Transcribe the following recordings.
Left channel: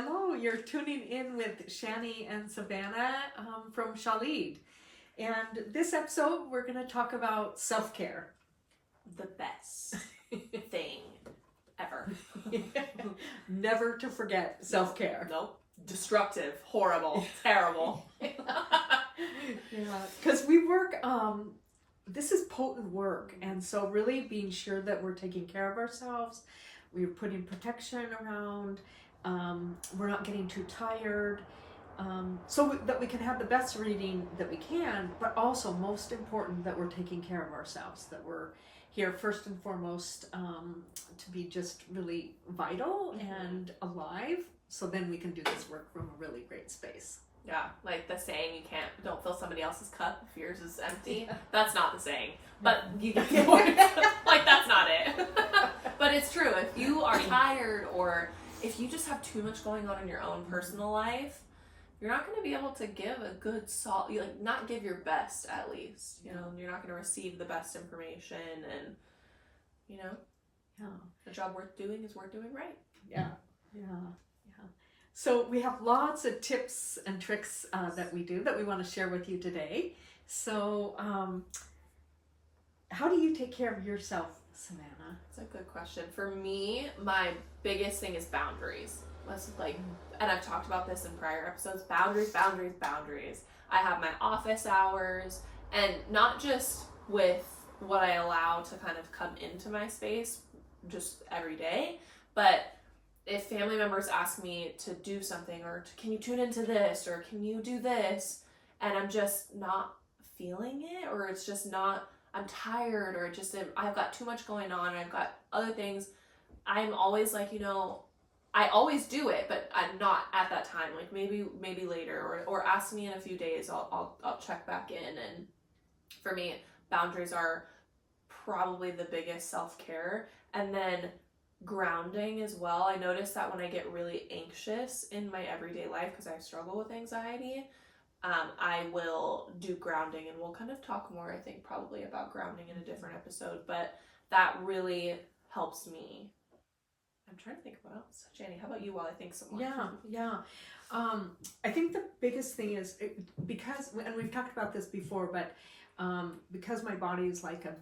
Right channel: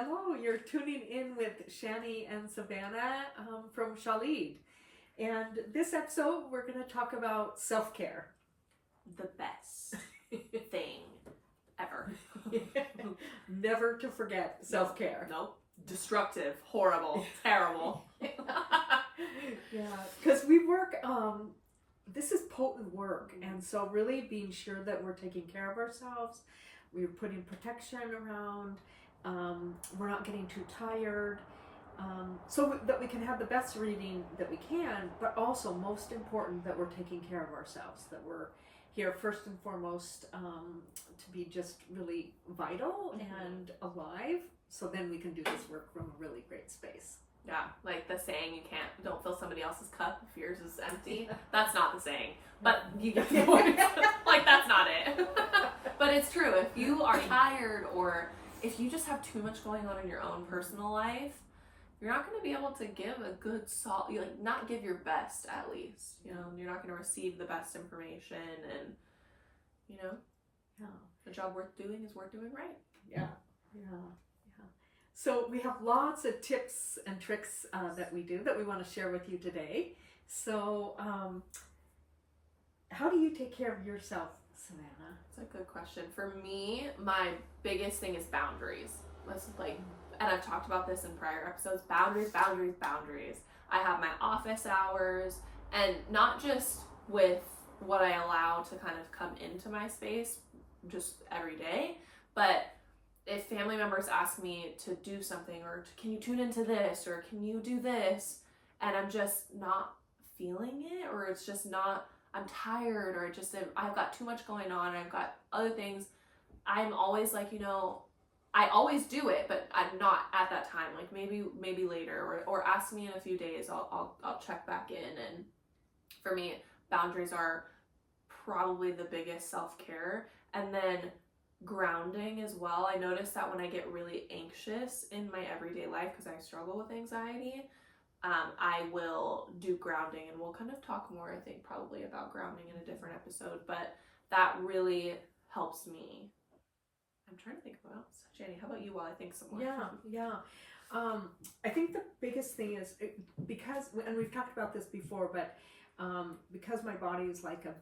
Hello, you're tuning in with Shani and Savannah from Shali. And this episode, we're going to talk about self-care. The best thing ever. Never to forget self-care. Nope. Destructive, horrible, terrible. Yeah, because we work, this is potent work. And so really being sure that we're taking care of ourselves, we're putting protection around, we're not getting too tired, so that we can have the best reading that we can, but also most important that we're taking care of ourselves, that we're here first and foremost to be just really vital and alive, so then we can do this work from a really great space. Yeah, like the saying, don't fill somebody else's cup if yours is empty. That's not the saying, but you get the point. Like, that's not it. But it's true. If you are tired, or if you just have too much going on in your own personal life, you're not going to be able to give a good not give your best, at least. You know, you're not going to receive the best information, and the job worth doing is worth doing right. Yeah. So we have lots of tips and tricks that we do that we want to share with you today. So how do you take care of yourself, Savannah? That's a good question. For me, my biggest thing is boundaries. And I've talked about this in prior episodes, boundaries. I have my office hours, and not just with what I allow to kind of come into my space just every day, but if family members ask me to do something, or can you tune into this, or can you do this, and I'm just not feeling it, or it's just not, I'm tired, or just I've got too much going on, and I've got other things, I'm always like, I always do it, but I'm not at that time. Like maybe later, or ask me in a few days. I'll check back in. And for me, boundaries are probably the biggest self-care. And then grounding as well. I notice that when I get really anxious in my everyday life, because I struggle with anxiety, I will do grounding, and we'll kind of talk more, I think, probably about grounding in a different episode. But that really helps me. I'm trying to think of what else. Shani, how about you while I think some more? Yeah. I think the biggest thing is, because, and we've talked about this before, but because my body is like a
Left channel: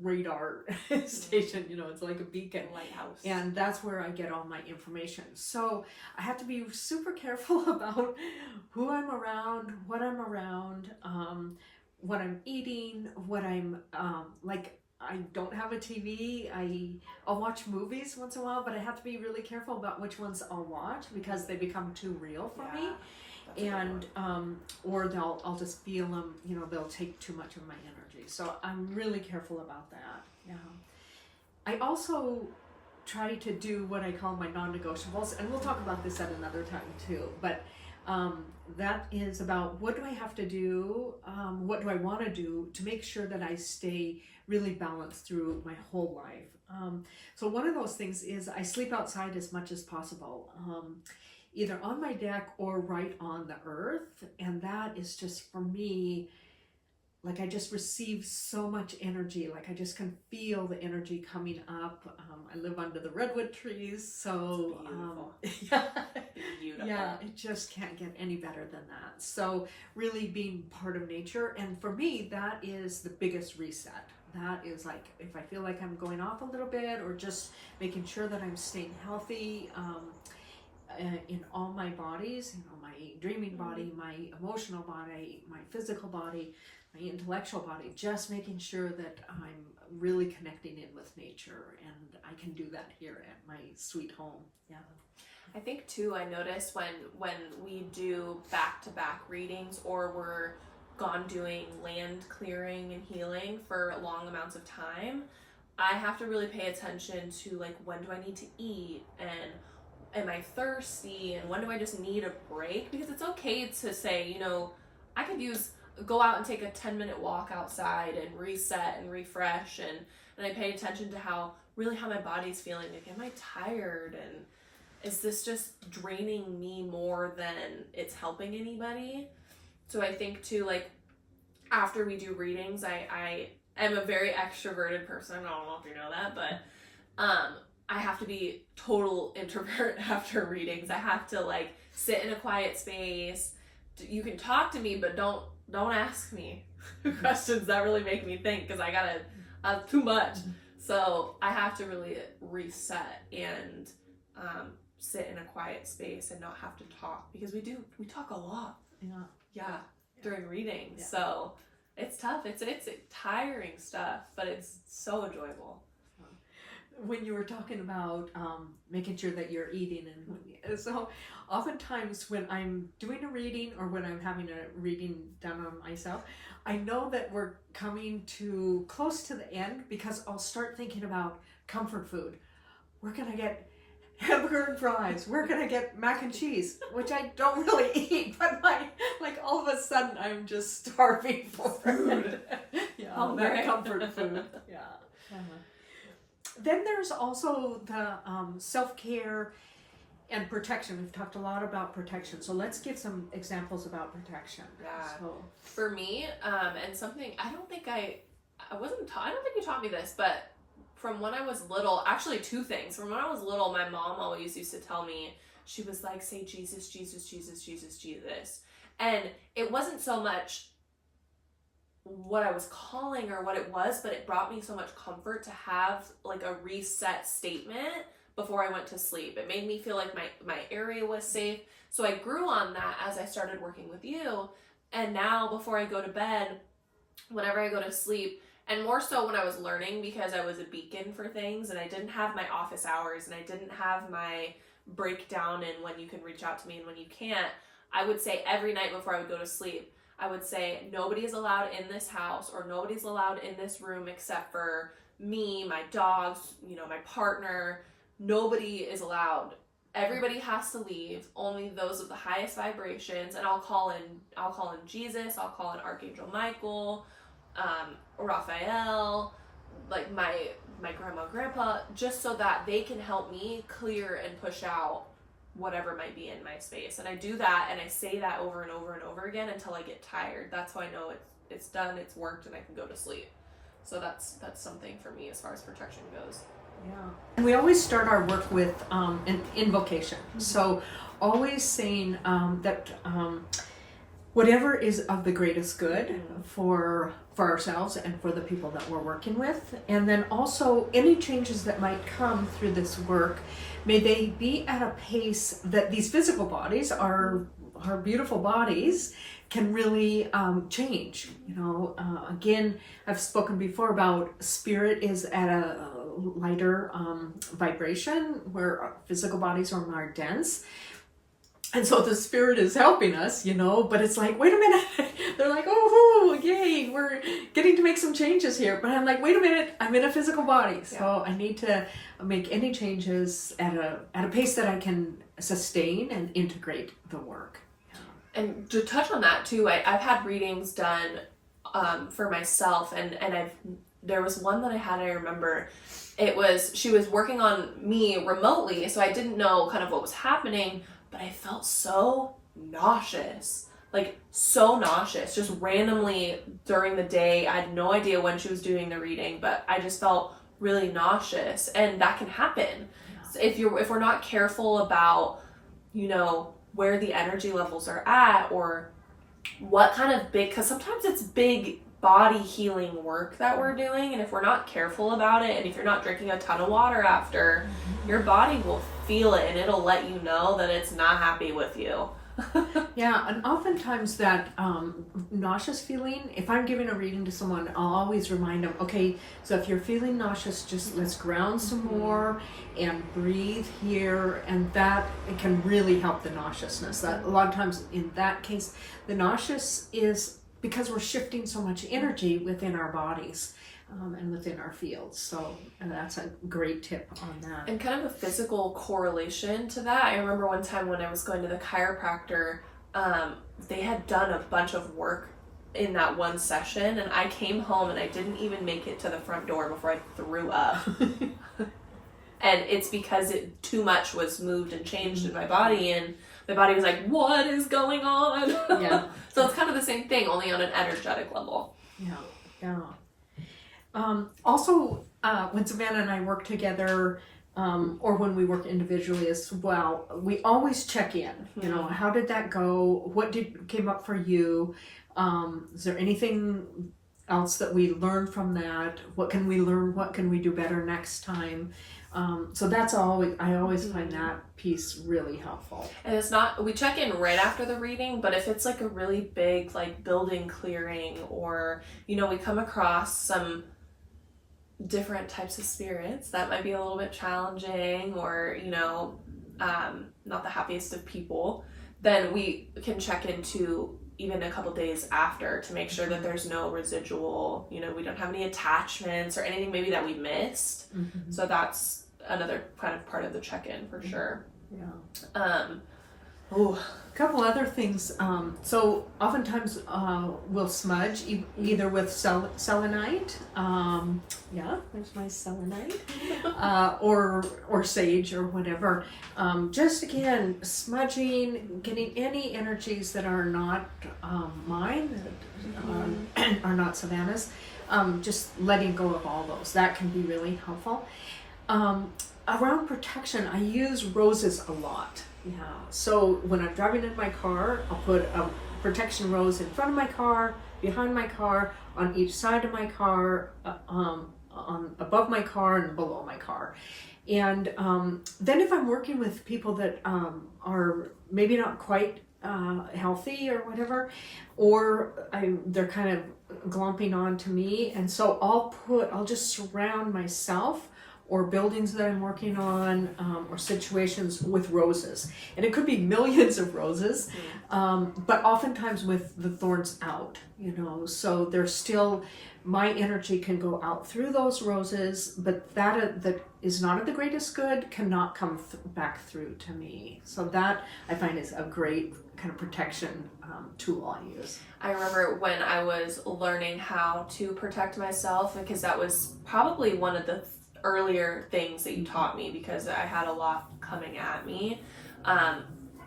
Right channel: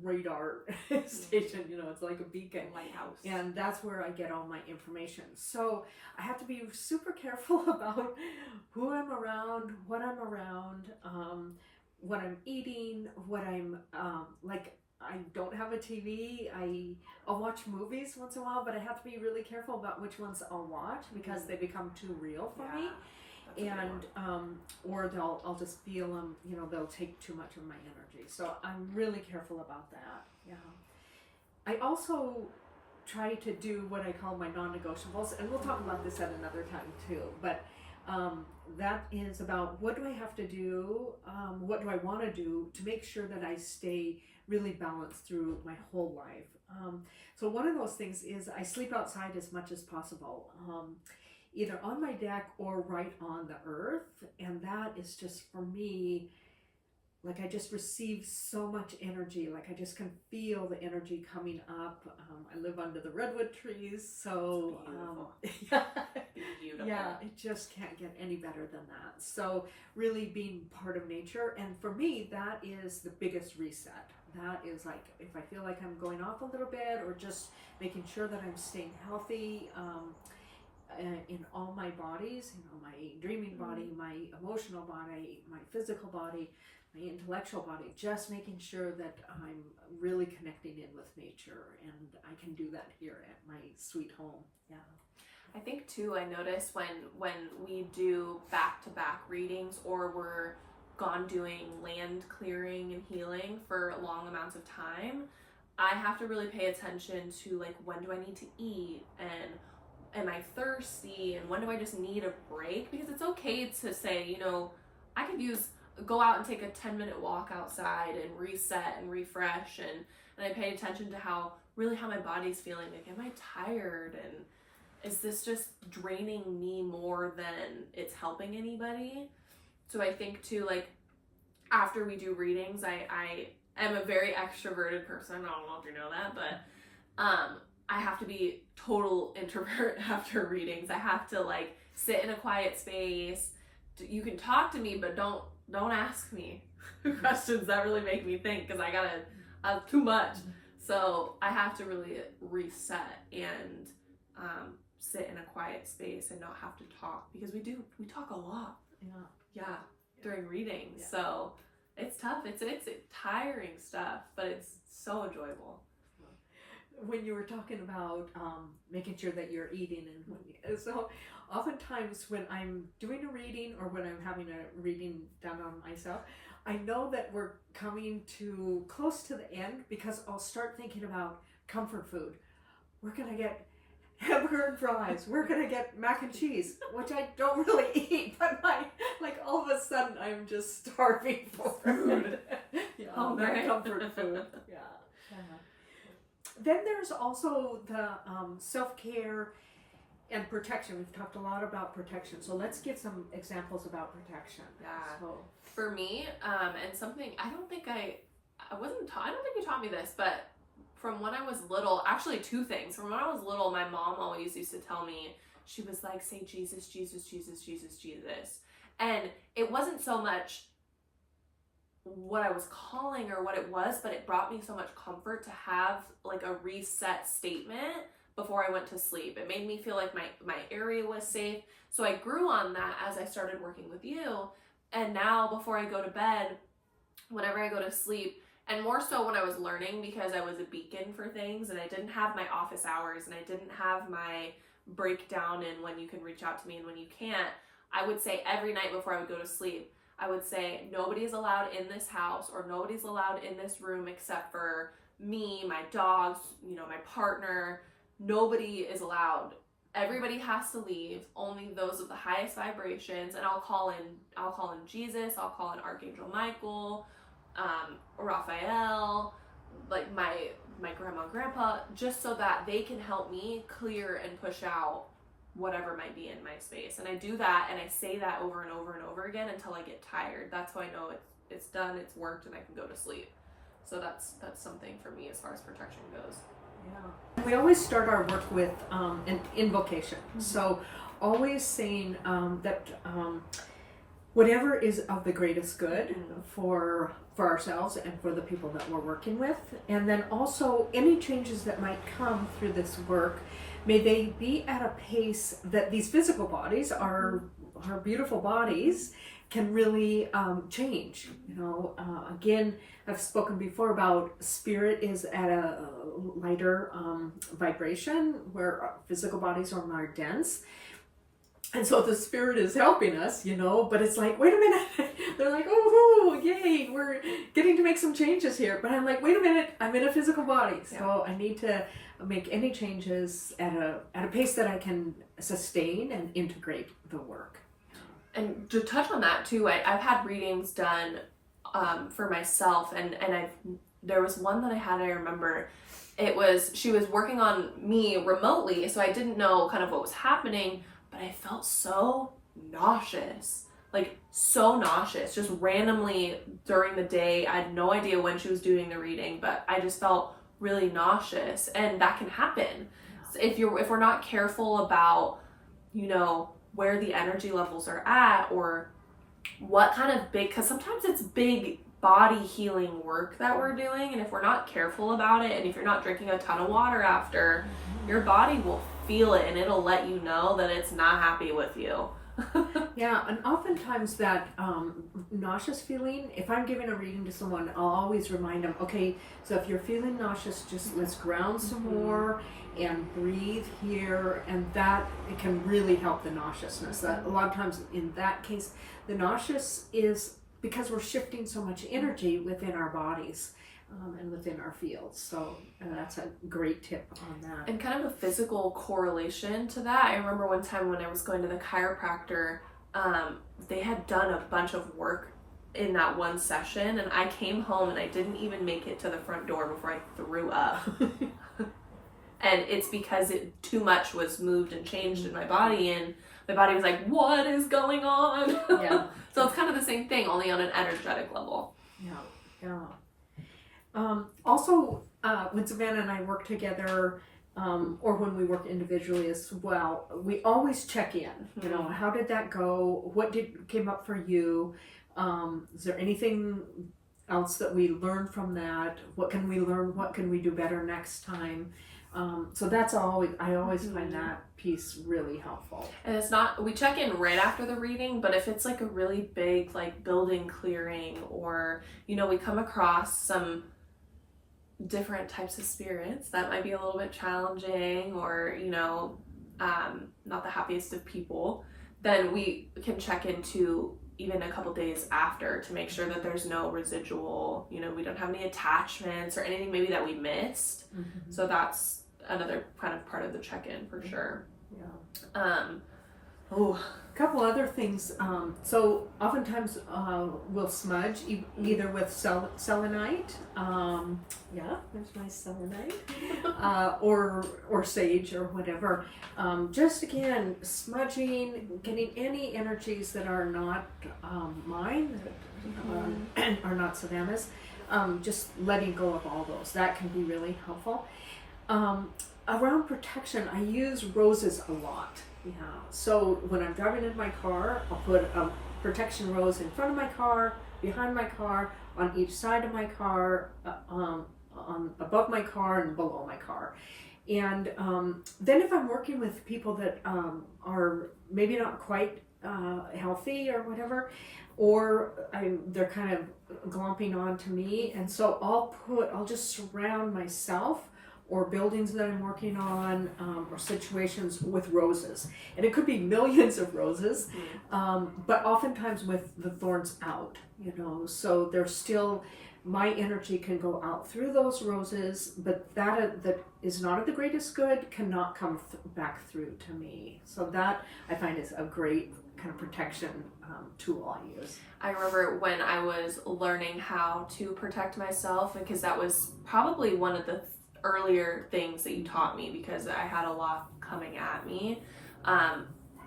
radar station, it's like a beacon. Lighthouse. And that's where I get all my information. So I have to be super careful about who I'm around, what I'm eating, what I'm, I don't have a TV. I'll watch movies once in a while, but I have to be really careful about which ones I'll watch, because they become too real for me. And or I'll just feel them, they'll take too much of my energy. So I'm really careful about that. Yeah. I also try to do what I call my non-negotiables, and we'll talk about this at another time too. But that is about, what do I have to do? What do I want to do to make sure that I stay really balanced through my whole life? So one of those things is I sleep outside as much as possible, either on my deck or right on the earth. And that is just, for me, like, I just receive so much energy. Like, I just can feel the energy coming up. I live under the redwood trees, so Beautiful. Yeah, it just can't get any better than that. So really being part of nature, and for me, that is the biggest reset. That is, like, if I feel like I'm going off a little bit, or just making sure that I'm staying healthy in all my bodies, my dreaming body, my emotional body, my physical body, my intellectual body, just making sure that I'm really connecting in with nature, and I can do that here at my sweet home. Yeah. I think too, I notice when we do back-to-back readings, or we're gone doing land clearing and healing for long amounts of time, I have to really pay attention to, like, when do I need to eat, and am I thirsty, and when do I just need a break? Because it's okay to say, I could go out and take a 10-minute walk outside and reset and refresh, and I pay attention to how my body's feeling. Like, am I tired, and is this just draining me more than it's helping anybody? So I think too, like, after we do readings, I am a very extroverted person. I don't know if you know that, but I have to be total introvert after readings. I have to like sit in a quiet space. You can talk to me, but don't ask me questions that really make me think, because I gotta too much. So I have to really reset and sit in a quiet space and not have to talk, because we talk a lot. Yeah, during readings. Yeah. So it's tough. It's tiring stuff, but it's so enjoyable. When you were talking about making sure that you're eating, and so oftentimes when I'm doing a reading or when I'm having a reading done on myself, I know that we're coming to close to the end, because I'll start thinking about comfort food. We're gonna get hamburger and fries. We're gonna get mac and cheese, which I don't really eat, but like all of a sudden I'm just starving for food. Yeah, that comfort food. Yeah. Then there's also the self-care and protection. We've talked a lot about protection, so let's give some examples about protection. Yeah. So, for me, and something I don't think you taught me this, but from when I was little, actually two things. From when I was little, my mom always used to tell me, she was like, say Jesus, Jesus, Jesus, Jesus, Jesus. And it wasn't so much what I was calling or what it was, but it brought me so much comfort to have like a reset statement before I went to sleep. It made me feel like my area was safe. So I grew on that as I started working with you. And now before I go to bed, whenever I go to sleep, and more so when I was learning, because I was a beacon for things and I didn't have my office hours and I didn't have my breakdown in when you can reach out to me and when you can't, I would say every night before I would go to sleep, I would say, nobody is allowed in this house, or nobody's allowed in this room except for me, my dogs, my partner. Nobody is allowed. Everybody has to leave. Only those of the highest vibrations. And I'll call in Jesus. I'll call in Archangel Michael, Raphael, like my grandma and grandpa, just so that they can help me clear and push out whatever might be in my space. And I do that, and I say that over and over and over again until I get tired. That's how I know it's done, it's worked, and I can go to sleep. So that's something for me as far as protection goes. Yeah. And we always start our work with an invocation. Mm-hmm. So always saying that whatever is of the greatest good mm-hmm. for ourselves and for the people that we're working with. And then also any changes that might come through this work, may they be at a pace that these physical bodies, our beautiful bodies, can really change. Again, I've spoken before about spirit is at a lighter vibration, where physical bodies are more dense. And so the spirit is helping us, but it's like, wait a minute. They're like, oh, yay, we're getting to make some changes here. But I'm like, wait a minute, I'm in a physical body. So I need to make any changes at a pace that I can sustain and integrate the work. And to touch on that too, I've had readings done for myself, and there was one that I remember. She was working on me remotely, so I didn't know kind of what was happening, but I felt so nauseous, just randomly during the day. I had no idea when she was doing the reading, but I just felt really nauseous, and that can happen. So if we're not careful about, where the energy levels are at, or what kind of because sometimes it's big body healing work that we're doing, and if we're not careful about it, and if you're not drinking a ton of water after, your body will feel it, and it'll let you know that it's not happy with you. Yeah, and oftentimes that nauseous feeling, if I'm giving a reading to someone, I'll always remind them, okay, so if you're feeling nauseous, just let's ground some more and breathe here, and that it can really help the nauseousness. That a lot of times in that case, the nauseous is because we're shifting so much energy within our bodies and within our fields. So that's a great tip on that. And kind of a physical correlation to that, I remember one time when I was going to the chiropractor, they had done a bunch of work in that one session, and I came home and I didn't even make it to the front door before I threw up. And it's because too much was moved and changed in my body, and my body was like, what is going on? Yeah. So it's kind of the same thing, only on an energetic level. Yeah. Also, when Savannah and I work together, or when we work individually as well, we always check in. You know, how did that go? What came up for you? Is there anything else that we learned from that? What can we learn? What can we do better next time? So that's I always find that piece really helpful. And it's not, we check in right after the reading, but if it's like a really big like building clearing, or, you know, we come across some different types of spirits that might be a little bit challenging, or, you know, not the happiest of people, then we can check into even a couple days after to make sure that there's no residual, you know, we don't have any attachments or anything maybe that we missed. So that's another kind of part of the check-in for sure. A couple other things. So oftentimes we'll smudge either with selenite. There's my selenite, or sage or whatever. Just again, smudging, getting any energies that are not mine, that are not Savannah's. Just letting go of all those. That can be really helpful. Around protection, I use roses a lot. So when I'm driving in my car, I'll put a protection rose in front of my car, behind my car, on each side of my car, on above my car and below my car. And then if I'm working with people that are maybe not quite healthy or whatever, or they're kind of glomping on to me, and so I'll just surround myself or buildings that I'm working on, or situations with roses. And it could be millions of roses, but oftentimes with the thorns out, you know, so there's still, my energy can go out through those roses, but that is not of the greatest good cannot come back through to me. So that I find is a great kind of protection tool I use. I remember when I was learning how to protect myself, because that was probably one of the earlier things that you taught me, because I had a lot coming at me.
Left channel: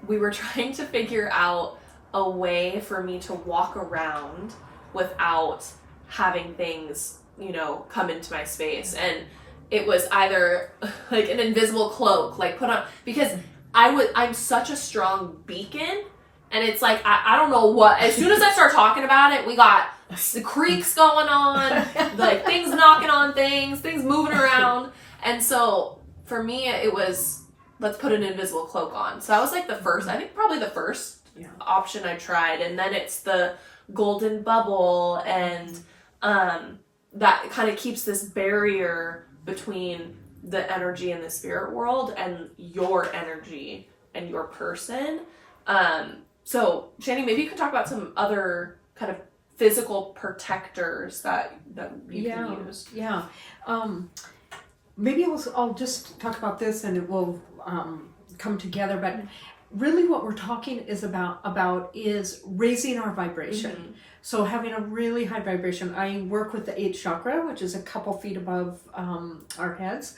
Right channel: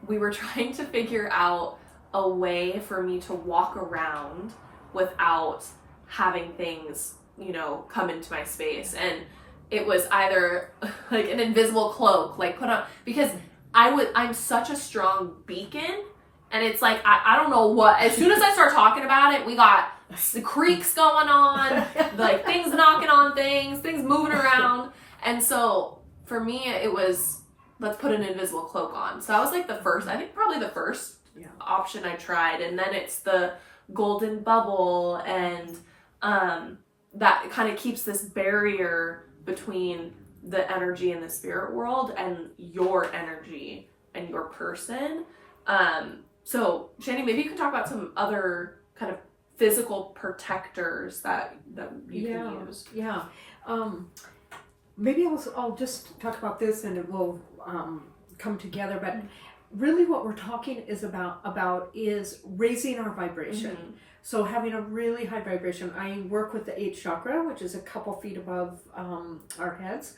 We were trying to figure out a way for me to walk around without having things, you know, come into my space. And it was either like an invisible cloak, like put on, because I'm such a strong beacon. And it's like, I don't know what, as soon as I start talking about it, we got the creaks going on, like things knocking on things moving around. And so for me, it was, let's put an invisible cloak on. So I was like I think probably the first option I tried. And then it's the golden bubble, and that kind of keeps this barrier between the energy in the spirit world and your energy and your person. So Shani, maybe you could talk about some other kind of physical protectors that you can use. Maybe I'll just talk about this and it will come together, but really what we're talking is about is raising our vibration. So having a really high vibration. I work with the 8th chakra, which is a couple feet above our heads,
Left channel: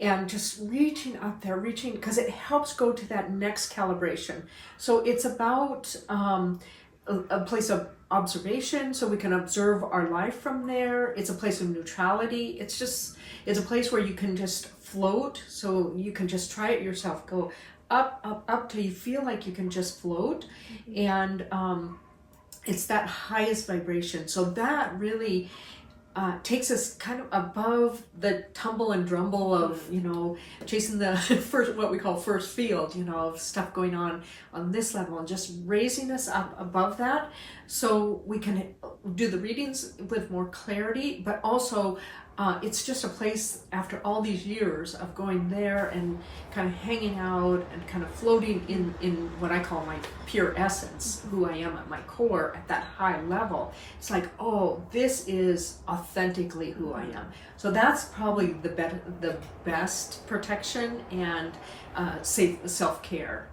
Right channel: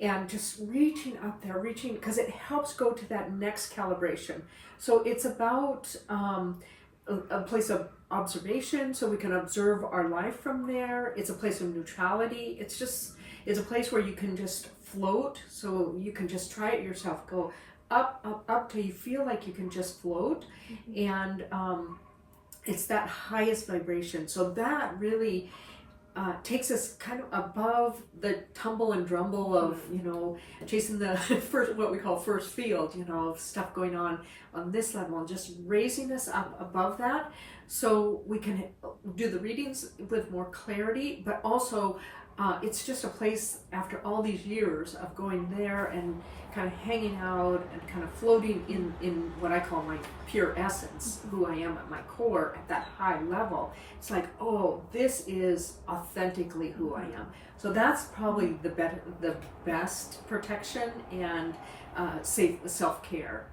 and just reaching up there, because it helps go to that next calibration. So it's about a place of observation, so we can observe our life from there. It's a place of neutrality. It's a place where you can just float, so you can just try it yourself. Go up, up, up till you feel like you can just float. And it's that highest vibration. So that really takes us kind of above the tumble and drumble of, you know, chasing the first, what we call first field, you know, of stuff going on this level, and just raising us up above that so we can do the readings with more clarity. But also it's just a place after all these years of going there and kind of hanging out and kind of floating in what I call my pure essence, who I am at my core at that high level. It's like, oh, this is authentically who I am. So that's probably the best protection and safe self-care.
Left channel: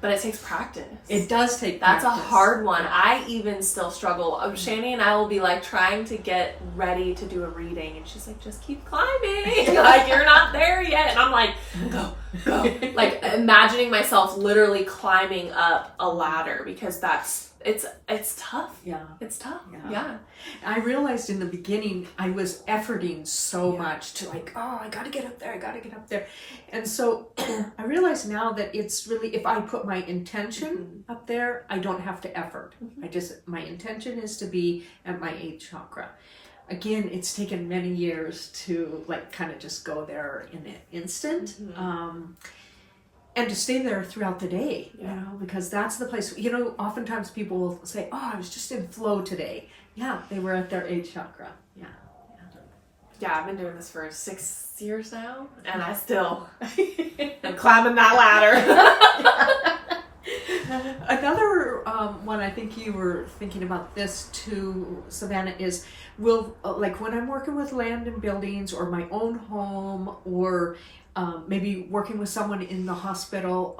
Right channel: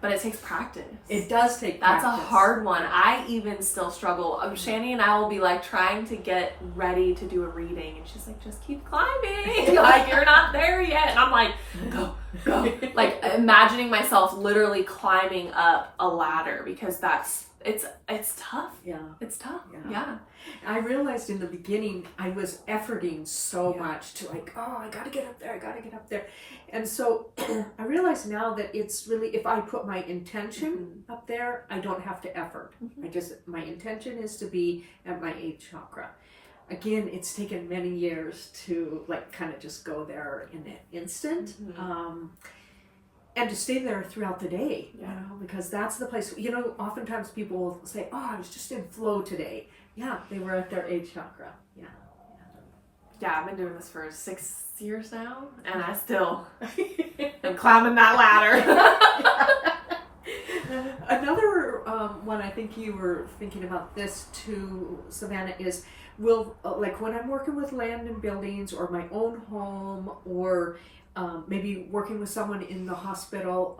But it takes practice. It does take practice. That's a hard one. Yeah. I even still struggle. Shani and I will be like trying to get ready to do a reading, and she's like, just keep climbing. Like, you're not there yet. And I'm like, go. Like imagining myself literally climbing up a ladder, because that's it's tough. Yeah. It's tough. Yeah. Yeah. I realized in the beginning I was efforting so much to like, oh, I gotta get up there, I gotta get up there. And so I realize now that it's really, if I put my intention up there, I don't have to effort. My intention is to be at my 8th chakra. Again, it's taken many years to like kind of just go there in an instant. And to stay there throughout the day, you know, because that's the place, you know, oftentimes people will say, oh, I was just in flow today. Yeah, they were at their 8th chakra. Yeah, I've been doing this for 6 years now, and I still am climbing that ladder. Another one, I think you were thinking about this too, Savannah, is like when I'm working with land and buildings or my own home or maybe working with someone in the hospital,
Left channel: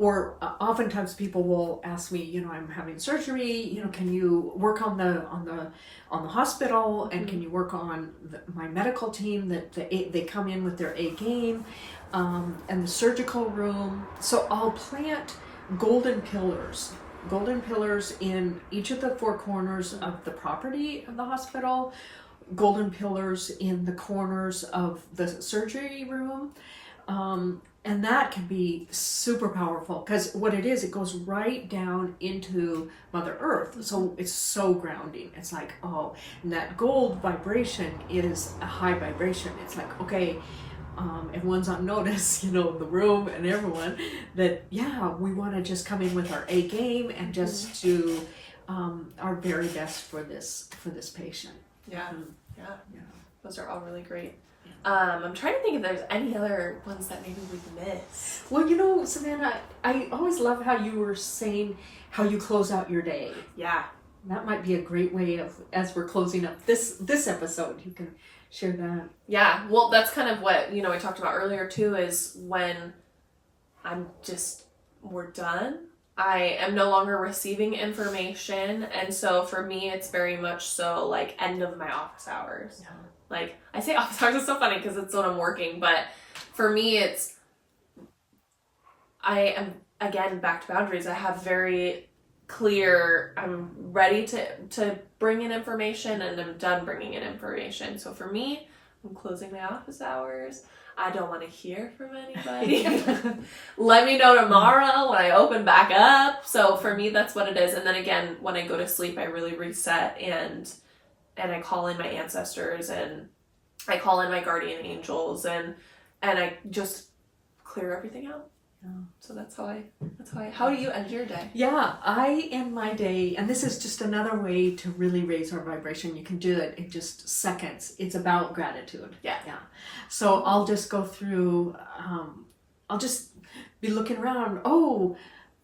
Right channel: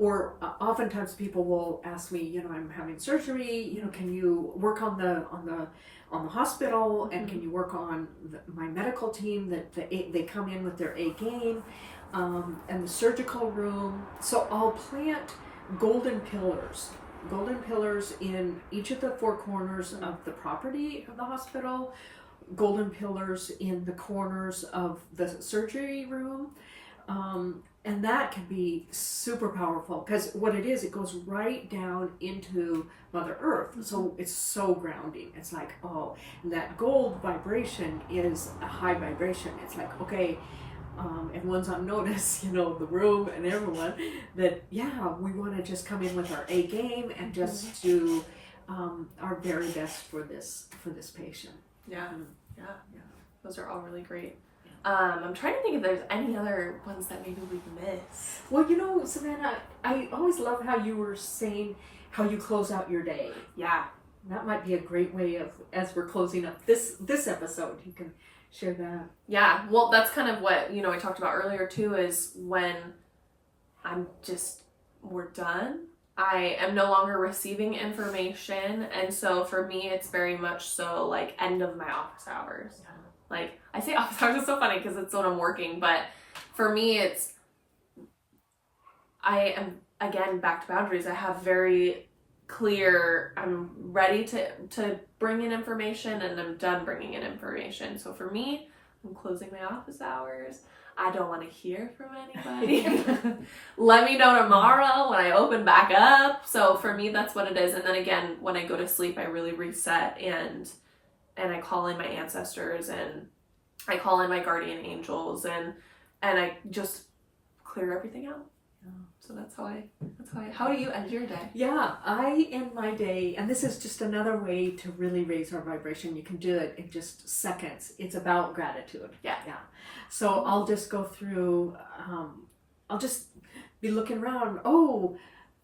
oftentimes people will ask me, you know, I'm having surgery, you know, can you work on the hospital and can you work on my medical team that they come in with their A game, and the surgical room. So I'll plant golden pillars in each of the 4 corners of the property of the hospital, golden pillars in the corners of the surgery room, and that can be super powerful because what it is, it goes right down into Mother Earth, so it's so grounding. It's like, oh, and that gold vibration is a high vibration. It's like, okay, everyone's on notice, you know, the room and everyone, that we want to just come in with our A game and just do our very best for this patient. Yeah. Those are all really great. I'm trying to think if there's any other ones that maybe we've missed. Well, you know, Savannah, I always love how you were saying how you close out your day. Yeah. That might be a great way of, as we're closing up this episode, you can share that. Yeah, well, that's kind of what, you know, I talked about earlier too, is when we're done, I am no longer receiving information, and so for me, it's very much so like end of my office hours. Yeah. Like, I say office hours, it's so funny because it's when I'm working, but for me, I am, again, back to boundaries. I have very clear, I'm ready to bring in information and I'm done bringing in information. So for me, I'm closing my office hours. I don't want to hear from anybody. Let me know tomorrow when I open back up. So for me, that's what it is. And then again, when I go to sleep, I really reset and I call in my ancestors and I call in my guardian angels and I just clear everything out. So that's how how do you end your day? Yeah, I end my day, and this is just another way to really raise our vibration. You can do it in just seconds. It's about gratitude. Yeah. So I'll just go through, I'll just be looking around. Oh,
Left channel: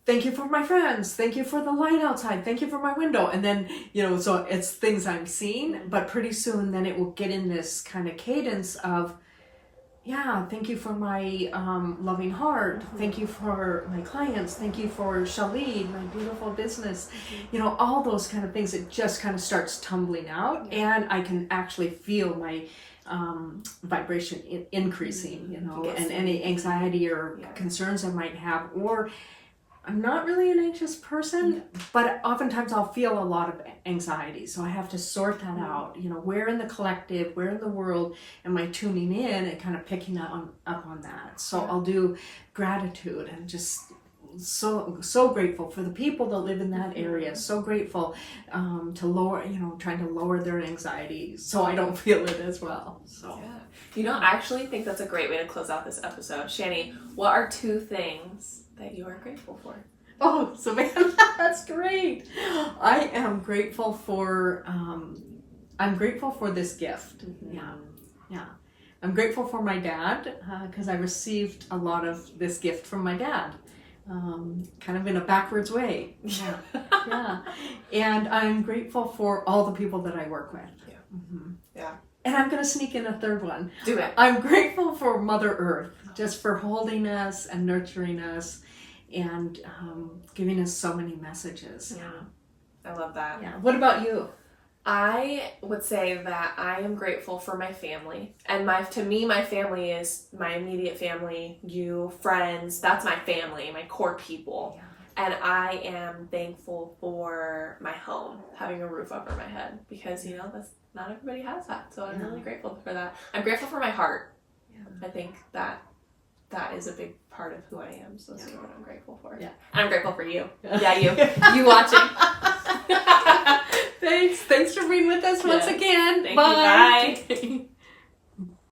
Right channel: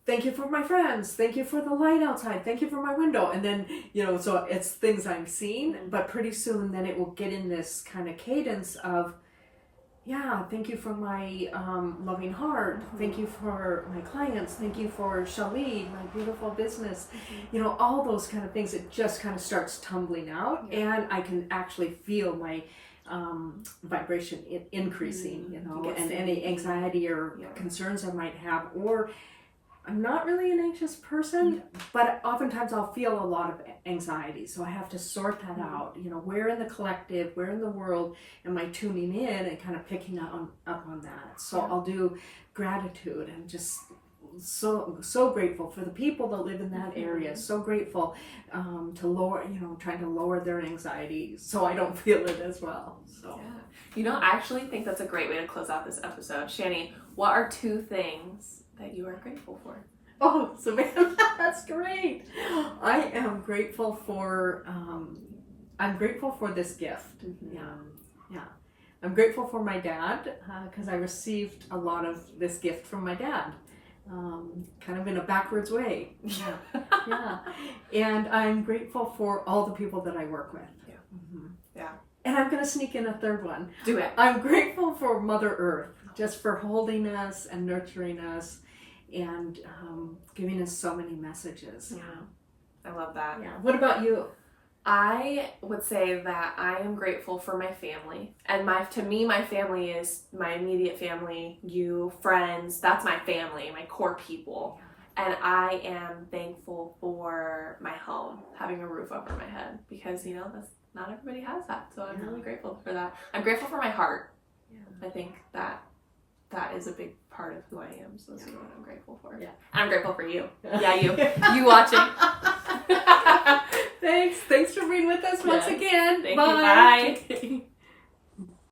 thank you for my friends. Thank you for the light outside. Thank you for my window. And then, you know, so it's things I'm seeing, but pretty soon then it will get in this kind of cadence of, thank you for my loving heart. Thank you for my clients. Thank you for Shani, my beautiful business. You know, all those kind of things. It just kind of starts tumbling out, and I can actually feel my vibration increasing. You know, and any anxiety or concerns I might have, or I'm not really an anxious person, but oftentimes I'll feel a lot of anxiety. So I have to sort that out. You know, where in the collective, where in the world am I tuning in and kind of picking up on that. So I'll do gratitude and just so grateful for the people that live in that area. So grateful to lower, you know, trying to lower their anxiety so I don't feel it as well. So. Yeah. You know, I actually think that's a great way to close out this episode. Shani, what are 2 things that you are grateful for? Oh, Savannah, that's great. I am grateful for this gift. Yeah. I'm grateful for my dad because I received a lot of this gift from my dad, kind of in a backwards way. Yeah. And I'm grateful for all the people that I work with. Yeah. And I'm going to sneak in a third one. Do it. I'm grateful for Mother Earth, just for holding us and nurturing us and giving us so many messages. Yeah, I love that. Yeah. What about you? I would say that I am grateful for my family. And to me, my family is my immediate family, you, friends. That's my family, my core people. And I am thankful for my home, having a roof over my head, because you know not everybody has that. So I'm really grateful for that. I'm grateful for my heart. I think that is a big part of who I am. So that's what I'm grateful for. Yeah. And I'm grateful for you. Yeah, you watching. Thanks for being with us once again. Thank you. Bye.